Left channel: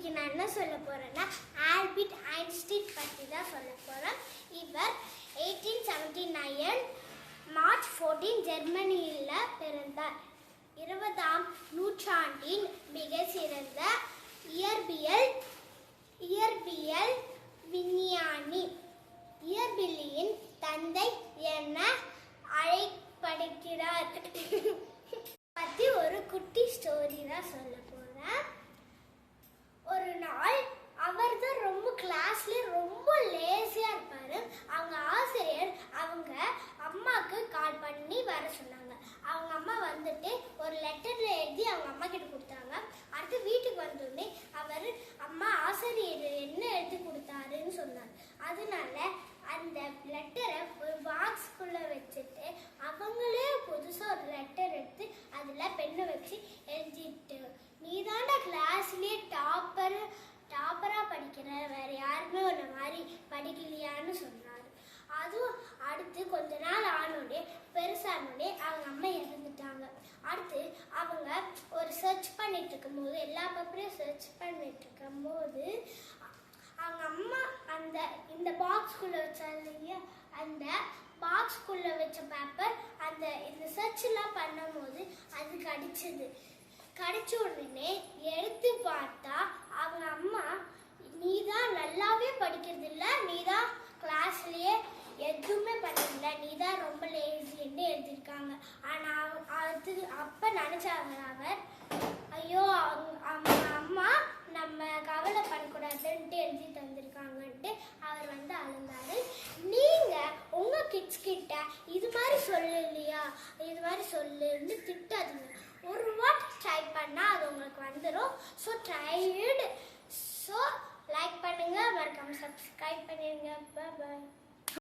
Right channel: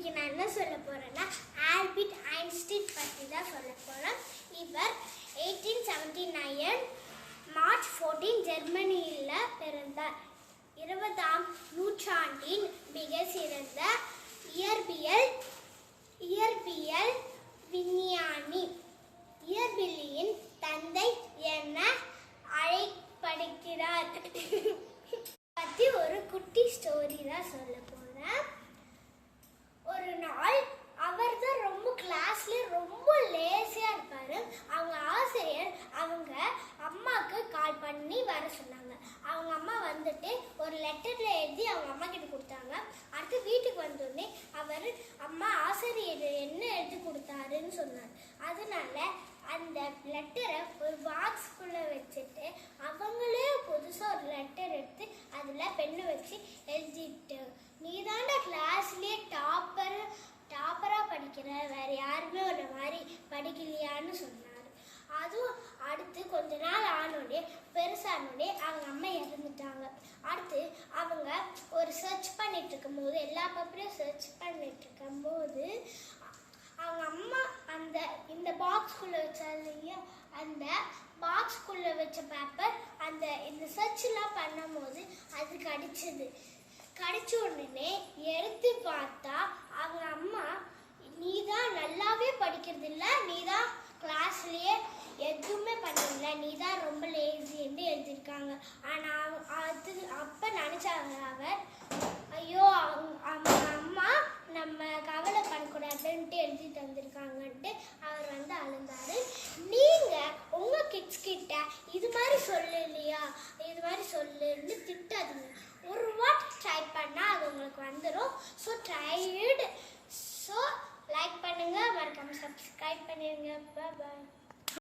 இன்னைக்கு நான் என்ன சொல்ல போறேன்னா ஆல்பர்ட் ஐன்ஸ்டீன் பற்றி தான் சொல்ல போறேன். இவர் 1879 மார்ச் 14 ஜெர்மனியில் பிறந்தார். 20ஆம் நூற்றாண்டின் மிக சிறந்த இயற்பியல் விஞ்ஞானி, இயற்பியலின் தந்தை என அழைக்கப்படுகிறார். பத்தி ஒரு குட்டி ஸ்டோரி தான் சொல்ல போறேன். ஒரு நாள் அவர் தான் ரொம்ப கிளாஸ்ல ரொம்ப லேசியா இருப்பாரு. அவங்க ஆசிரியர் அவங்க அம்மாக்கு கால் பண்ணி வர சொன்னாங்க. அவங்க அம்மா வந்துட்டு ஒரு லெட்டர்ல எழுதி அவங்க அம்மா கிட்ட கொடுத்தாங்க. அடுத்து வீட்டுக்கு வந்தோடனே அவர் அம்மா ஆசிரியர் என்ன எழுதி கொடுத்தாருன்னு சொன்னாங்க. அதனால அந்த லெட்டரை ஒரு பாக்ஸ்குள்ள வச்சுட்டு அவங்களே புதுசா ஒரு லெட்டர் எடுத்து அதுல பெண்ணை வச்சு எழுதிட்டு, நீதான கிளாஸ்லயே டாப்பரா படிக்கிற, வேற யாருமே ஒரு மாதிரி படிக்கலையான்னு சொன்னாரு. அதுவும் அடுத்து கொஞ்ச நாள் ஆனோடனே பெருசானோடனே அவங்க அம்மா இறந்துட்டாங்க. அடுத்து அவங்க ஒரு சர்ச் பண்ணிட்டு இருக்கும்போது, எல்லா பேப்பரையும் சர்ச் பண்ணிட்டு இருக்கும்போது அவங்க அம்மா இந்த பாக்ஸ்குள்ள வச்சாங்க. அந்த பாக்ஸ்குள்ள வச்ச பேப்பர் இந்த சர்ச் எல்லாம் பண்ணும்போது அது கடிச்ச உடனே எடுத்து பார்த்தா அவங்க அம்மா, நீதான் நல்லாவே படிக்கிறது இல்ல, நீதான் கிளாஸ்லயே எதுவுமே பண்ணல, நீதான் ரொம்ப லேசின்னு எழுதியிருக்காங்க. ஆனா அப்ப நினைச்சாங்க அவர், ஐயோ அவங்க அம்மா நம்ம கவலை பண்ணக்கூடாதுன்ட்டு எழுதி தந்திருக்காங்கன்ட்டு அவர் அழுந்தாரு. நீங்க உங்க கிட்ஸ் கிட்ட இது மாதிரி சொல்லலையா, இது மாதிரி சொல்லுன்னு திட்டாதீங்க. ஒரு வாட்டி ட்ரை பண்ணா அது உங்களுக்கு வந்துடும். So tried. ஸோ லைக் பண்ணுங்க, மறக்காம சப்ஸ்கிரைப் பண்ணிருங்க. பாய்.